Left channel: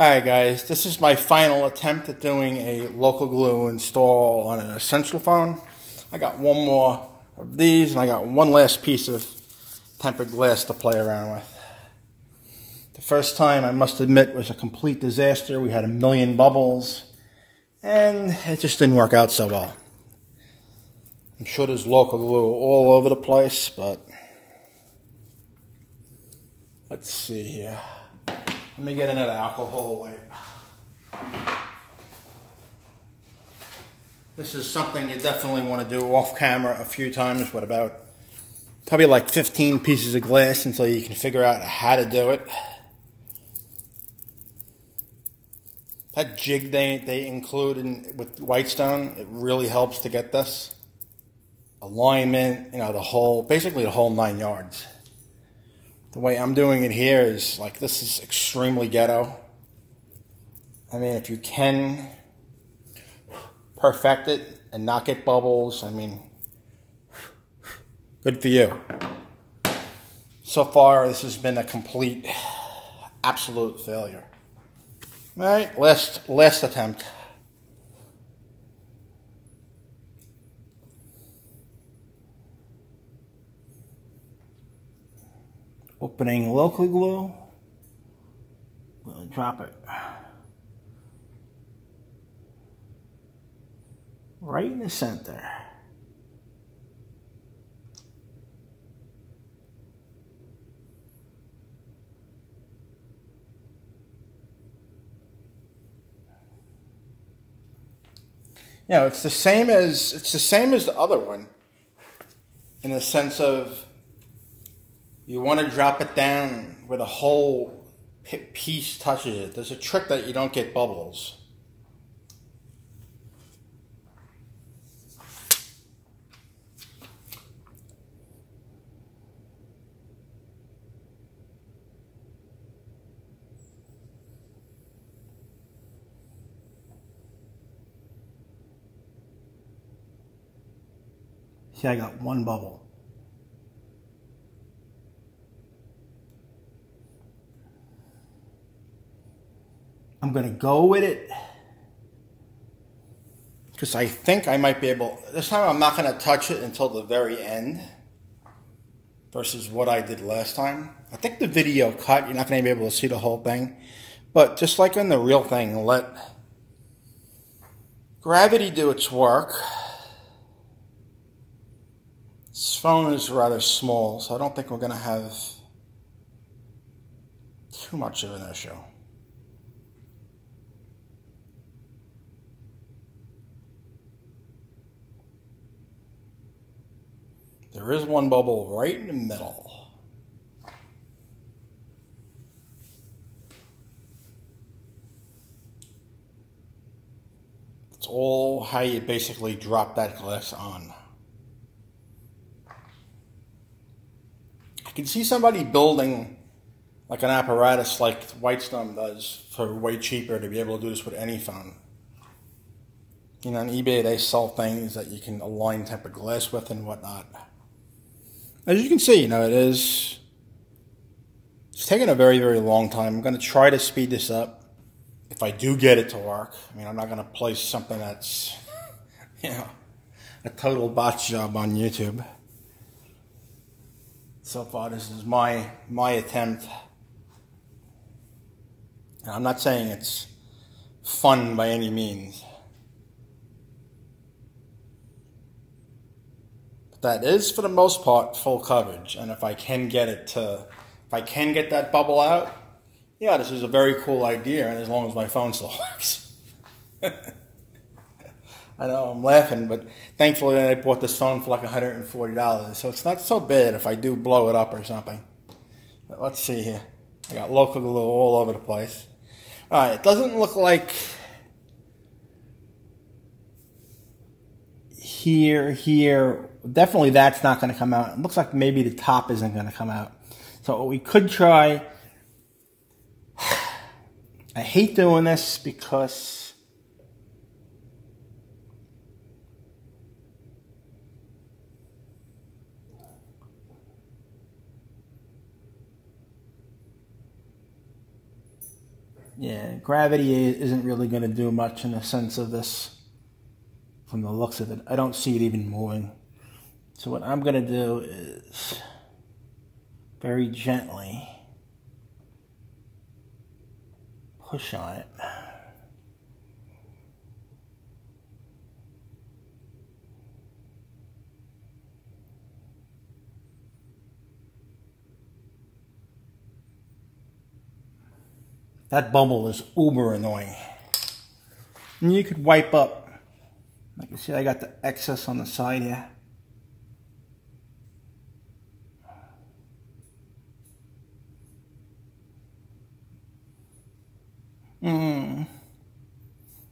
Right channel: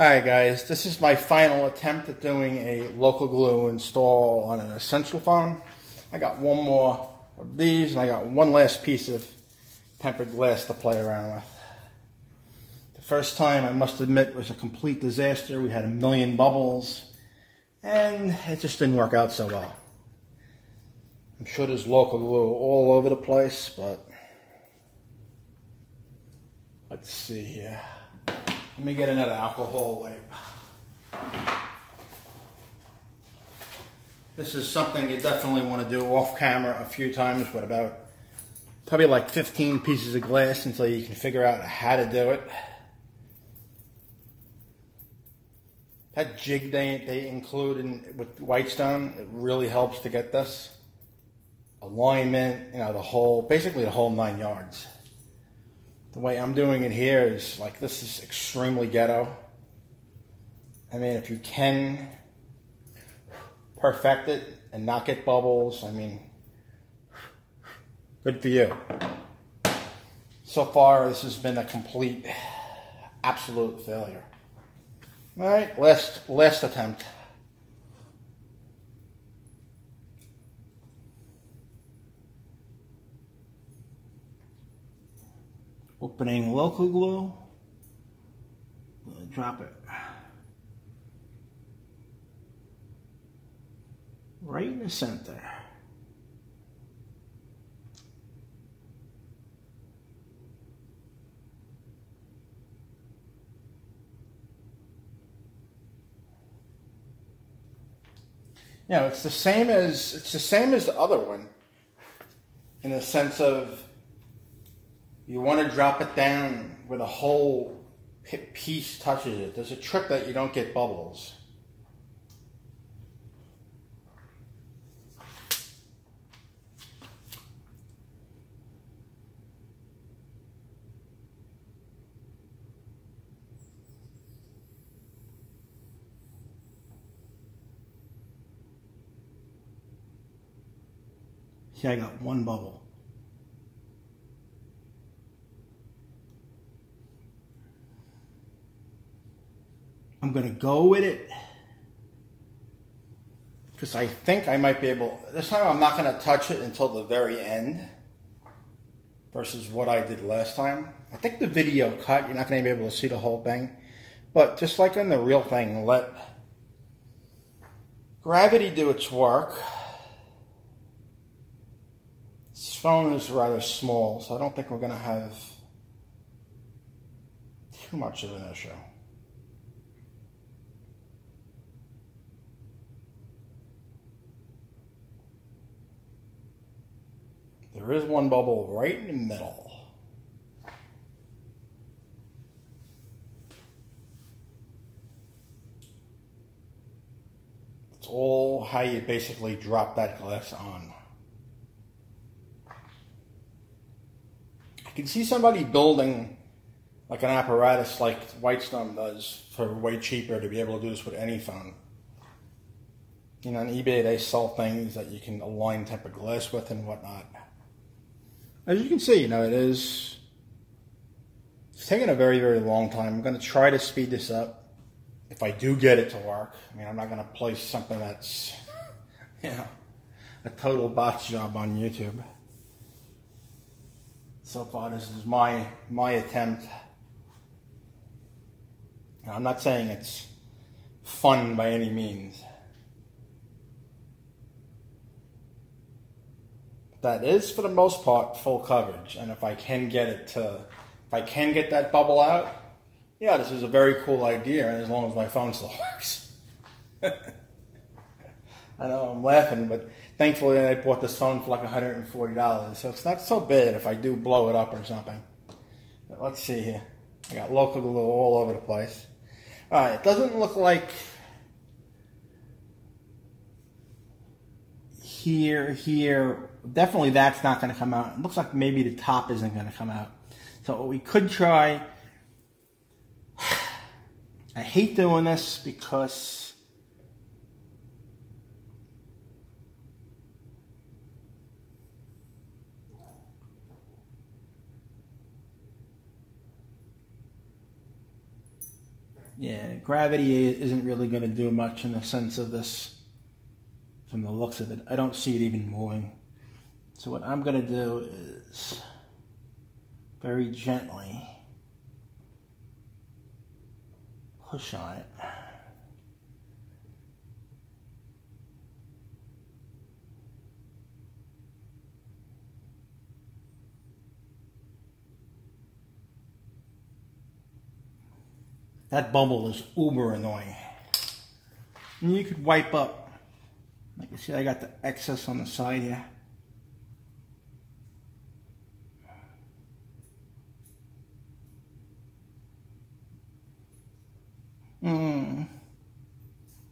Alright guys, this is my final attempt at doing a local glue install on an Essential phone. I got one more of these and I got one last piece of tempered glass to play around with. The first time, I must admit, was a complete disaster. We had a million bubbles and it just didn't work out so well. I'm sure there's local glue all over the place, but let's see here. Let me get another alcohol wipe. This is something you definitely want to do off camera a few times with about probably like 15 pieces of glass until you can figure out how to do it. That jig they include with WhiteStone, it really helps to get this. Alignment, basically the whole 9 yards. The way I'm doing it here is like, this is extremely ghetto. I mean, if you can perfect it and not get bubbles, I mean, good for you. So far, this has been a complete, absolute failure. All right, last attempt. Opening local glue, we'll drop it right in the center. You know, it's the same as the other one, in the sense of, you want to drop it down where the whole piece touches it. There's a trick that you don't get bubbles. See, I got one bubble. I'm going to go with it because I think I might be able, this time I'm not going to touch it until the very end versus what I did last time. I think the video cut, you're not going to be able to see the whole thing, but just like in the real thing, let gravity do its work. This phone is rather small, so I don't think we're going to have too much of an issue. There is one bubble right in the middle. It's all how you basically drop that glass on. I can see somebody building like an apparatus like WhiteStone does for way cheaper to be able to do this with any phone. You know, on eBay they sell things that you can align tempered glass with and whatnot. As you can see, it's taking a very, very long time. I'm going to try to speed this up if I do get it to work. I mean, I'm not going to place something that's, a total botch job on YouTube. So far, this is my attempt. And I'm not saying it's fun by any means. That is, for the most part, full coverage. And if I can get that bubble out, yeah, this is a very cool idea, as long as my phone still works. I know I'm laughing, but thankfully I bought this phone for like $140, so it's not so bad if I do blow it up or something. But let's see here. I got local glue all over the place. All right, it doesn't look like here. Definitely that's not going to come out. It looks like maybe the top isn't going to come out. So what we could try, I hate doing this because Yeah, gravity isn't really going to do much in the sense of this, from the looks of it. I don't see it even moving. So what I'm going to do is very gently push on it. That bubble is uber annoying. And you could wipe up. Like you see, I got the excess on the side here.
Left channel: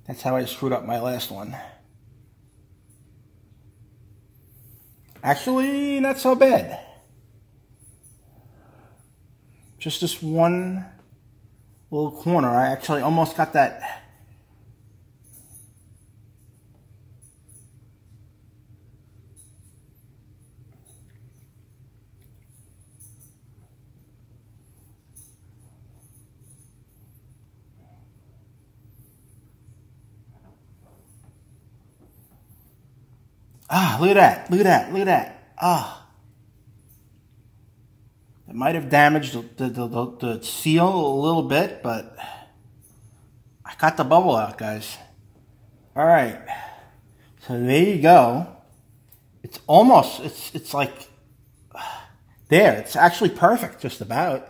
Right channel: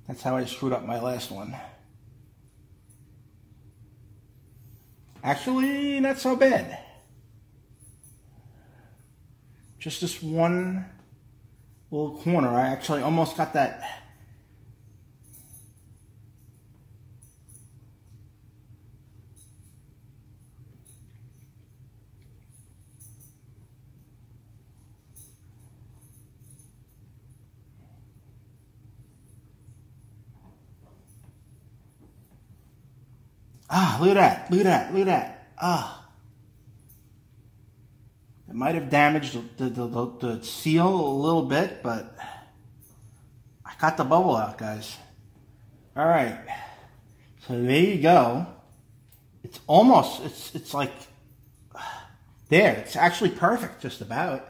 That's how I screwed up my last one. Actually, not so bad. Just this one little corner. I actually almost got that. Ah, look at that, look at that, look at that. Ah. It might have damaged the seal a little bit, but I got the bubble out, guys. All right. So there you go. It's almost, it's like, there. It's actually perfect, just about.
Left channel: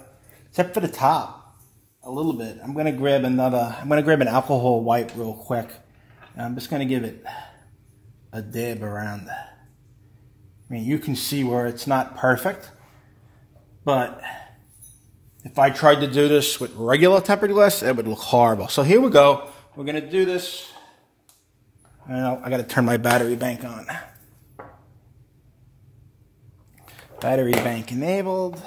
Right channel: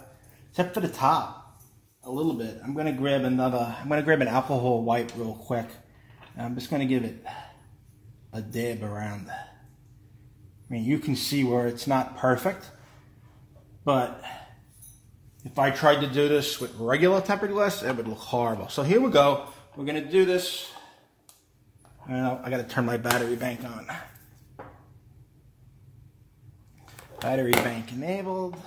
Except for the top, a little bit. I'm going to grab an alcohol wipe real quick. And I'm just going to give it a dab around. I mean, you can see where it's not perfect, but if I tried to do this with regular tempered glass, it would look horrible. So here we go. We're going to do this. I got to turn my battery bank on. Battery bank enabled.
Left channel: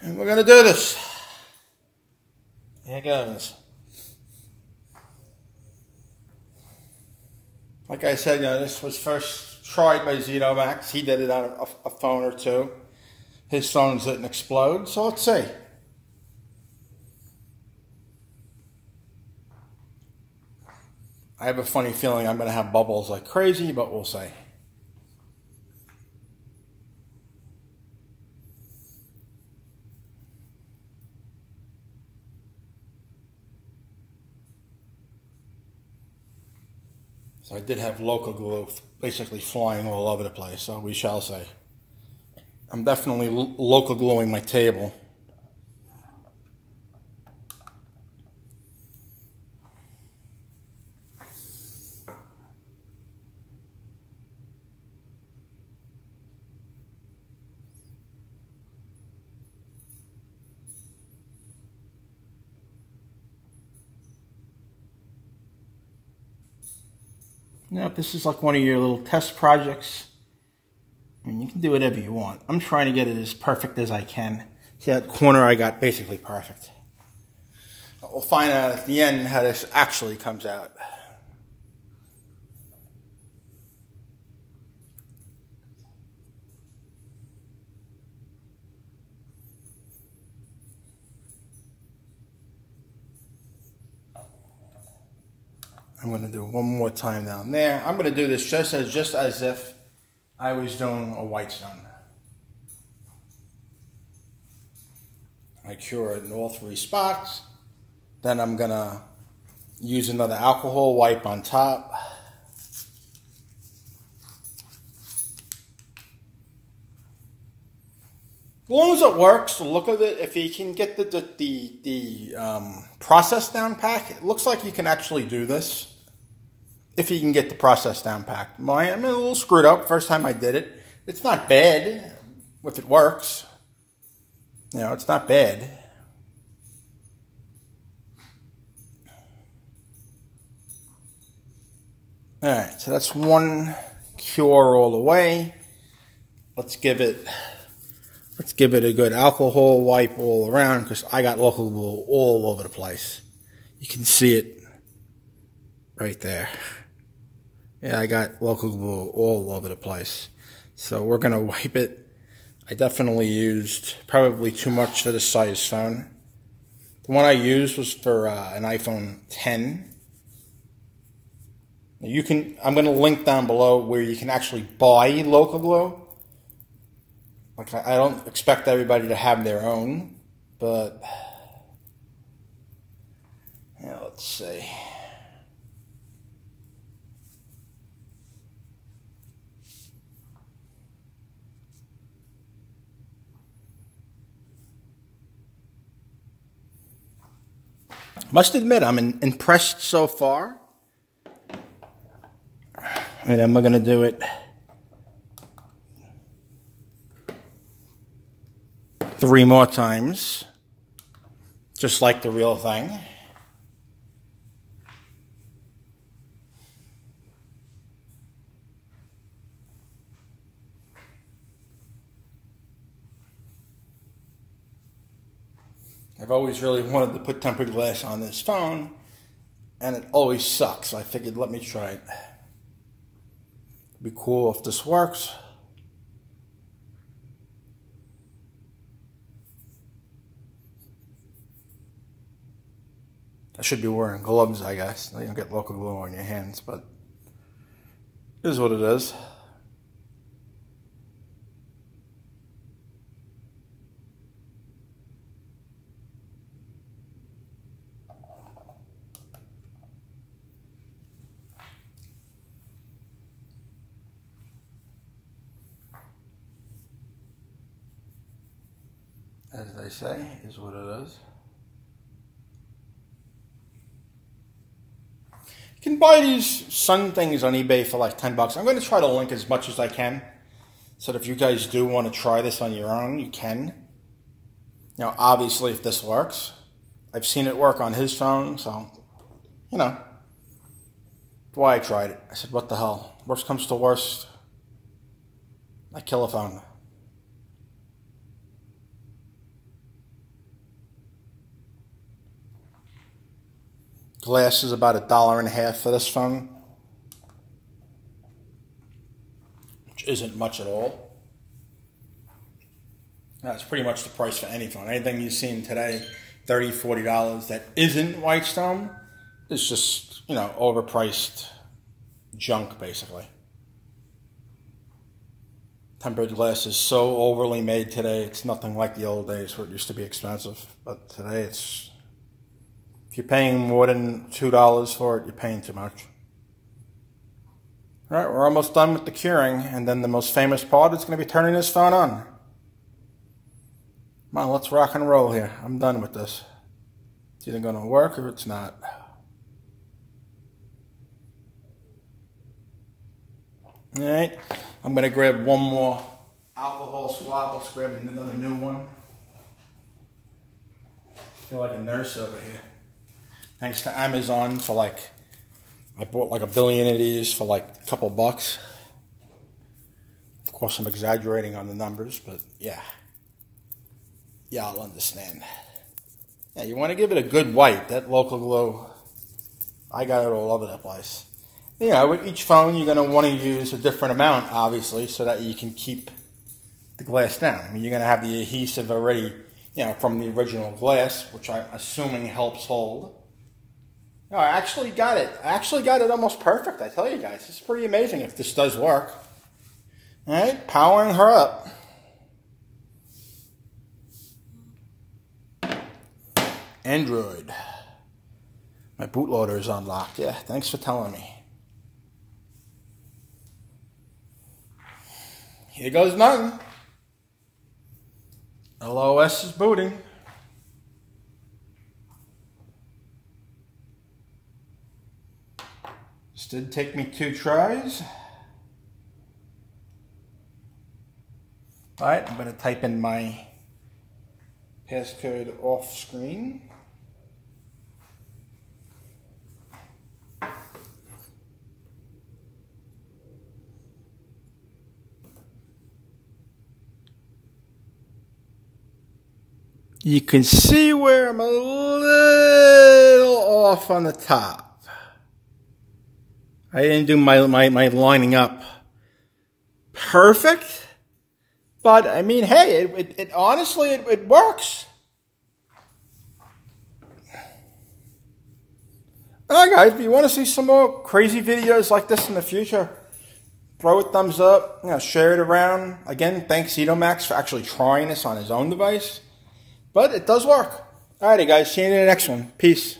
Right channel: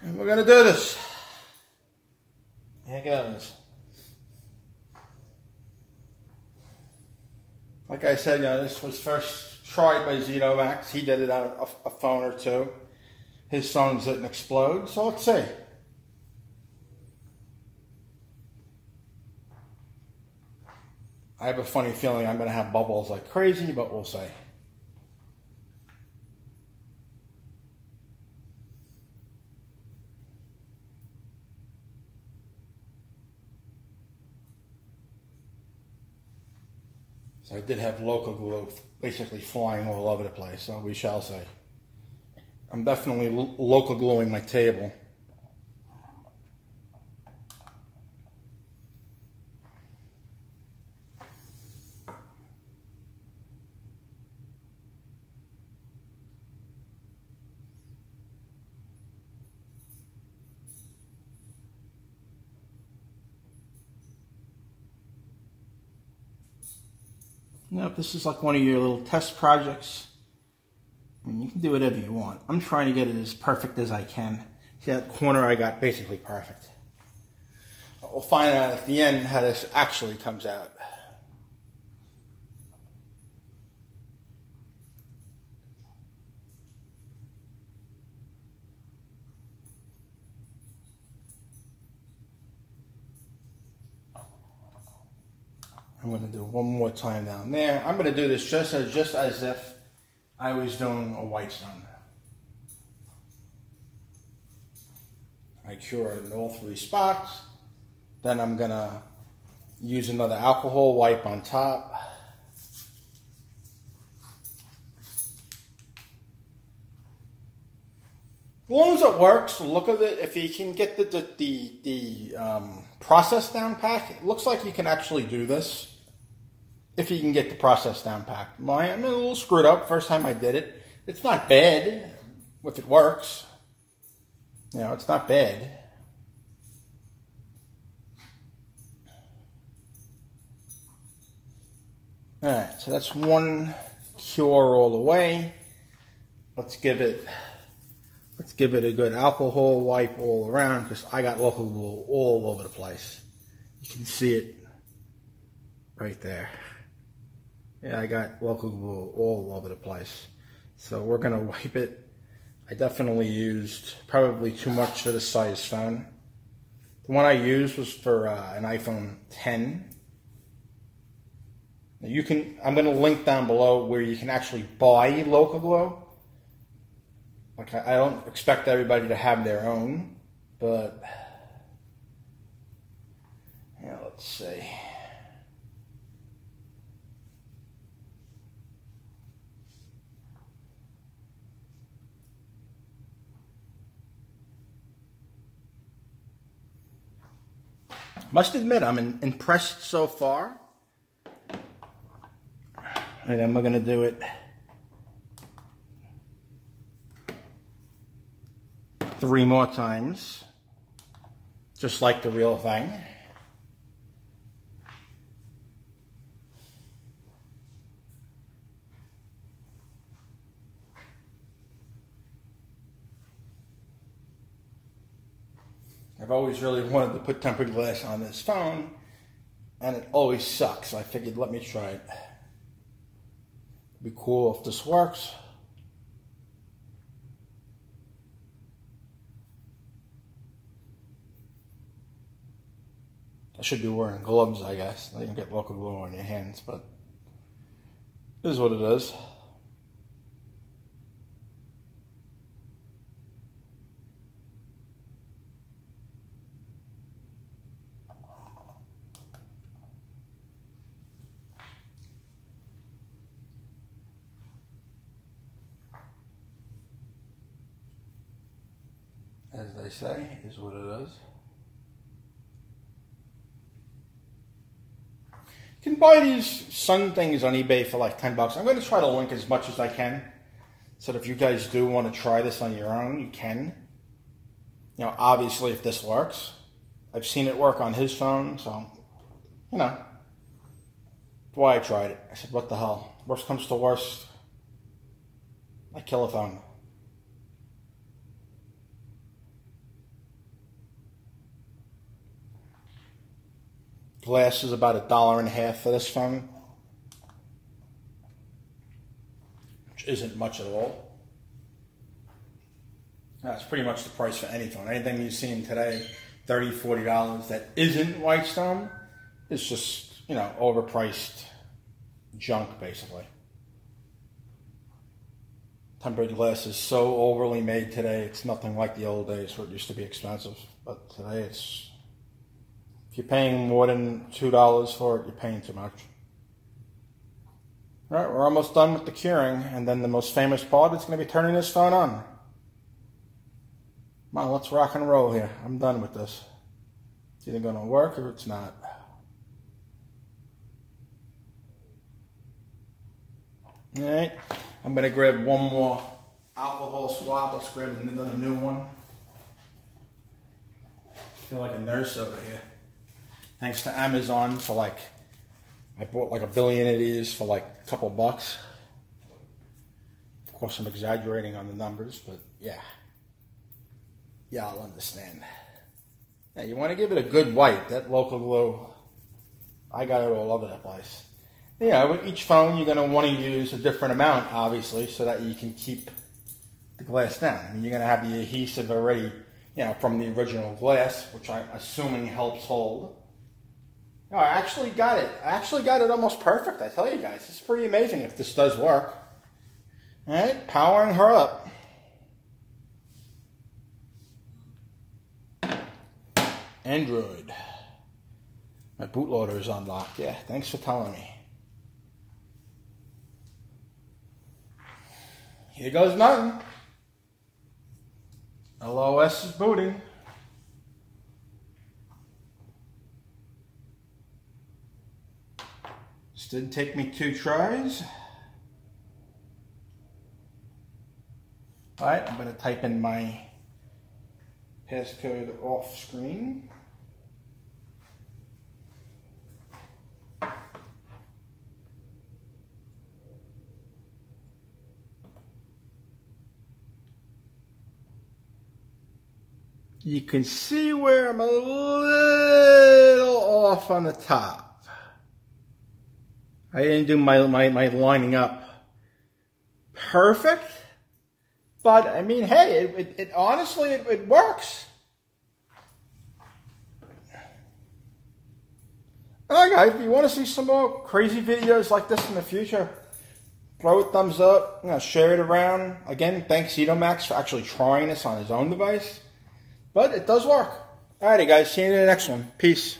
And we're going to do this. Here it goes. Like I said, this was first tried by ZedoMax. He did it on a phone or two. His songs didn't explode, so let's see. I have a funny feeling I'm going to have bubbles like crazy, but we'll see. So I did have Loca glue basically flying all over the place, so we shall see. I'm definitely Loca gluing my table. Now, if this is like one of your little test projects, I mean, you can do whatever you want. I'm trying to get it as perfect as I can. See that corner I got basically perfect. We'll find out at the end how this actually comes out. I'm going to do one more time down there. I'm going to do this just as if I was doing a WhiteStone. I cure it in all three spots. Then I'm going to use another alcohol wipe on top. As long as it works, the look of it, if you can get the process down pack, it looks like you can actually do this. If you can get the process down packed. I'm a little screwed up first time I did it. It's not bad if it works. It's not bad. Alright, so that's one cure all the way. Let's give it a good alcohol wipe all around because I got local glue all over the place. You can see it right there. Yeah, I got local glue all over the place. So we're going to wipe it I definitely used probably too much for this size phone. The one I used was for an iPhone 10. You can, I'm going to link down below where you can actually buy Loca Glow. Like, I don't expect everybody to have their own, but yeah, let's see. Must admit, I'm impressed so far. And then we're going to do it 3 more times, just like the real thing. I've always really wanted to put tempered glass on this phone, and it always sucks. So I figured, let me try it. Be cool if this works. I should be wearing gloves, I guess. You don't get Loca Glow on your hands, but it is what it is. As they say, is what it is. You can buy these sun things on eBay for like $10. I'm going to try to link as much as I can, so that if you guys do want to try this on your own, you can. You know, obviously, if this works, I've seen it work on his phone, so you know. That's why I tried it. I said, what the hell? Worst comes to worst, I kill a phone. Glass is about $1.50 for this phone, which isn't much at all. That's pretty much the price for any phone. Anything you've seen today, $30, $40, that isn't WhiteStone, is just, you know, overpriced junk, basically. Tempered glass is so overly made today, it's nothing like the old days where it used to be expensive. But today it's... If you're paying more than $2 for it, you're paying too much. All right, we're almost done with the curing, and then the most famous part is going to be turning this phone on. Come on, let's rock and roll here. I'm done with this. It's either going to work or it's not. All right, I'm going to grab one more alcohol swab. Let's grab another new one. I feel like a nurse over here. Thanks to Amazon for like, I bought like 1 billion of these for like a couple bucks. Of course, I'm exaggerating on the numbers, but yeah. Yeah, I'll understand. Yeah, you want to give it a good white. That Loca Glow, I got it all over the place. Yeah, with each phone, you're going to want to use a different amount, obviously, so that you can keep the glass down. I mean, you're going to have the adhesive already, you know, from the original glass, which I'm assuming helps hold. No, I actually got it. I actually got it almost perfect, I tell you guys. It's pretty amazing if this does work. All right, powering her up. Android. My bootloader is unlocked. Yeah, thanks for telling me. Here goes nothing. LOS is booting. This did take me 2 tries. All right, I'm going to type in my passcode off screen. You can see where I'm a little off on the top. I didn't do my lining up perfect, But, I mean, hey, it honestly, it works. Alright guys, if you want to see some more crazy videos like this in the future, throw a thumbs up, share it around. Again, thanks ZedoMax for actually trying this on his own device. But it does work. Alrighty guys, see you in the next one. Peace.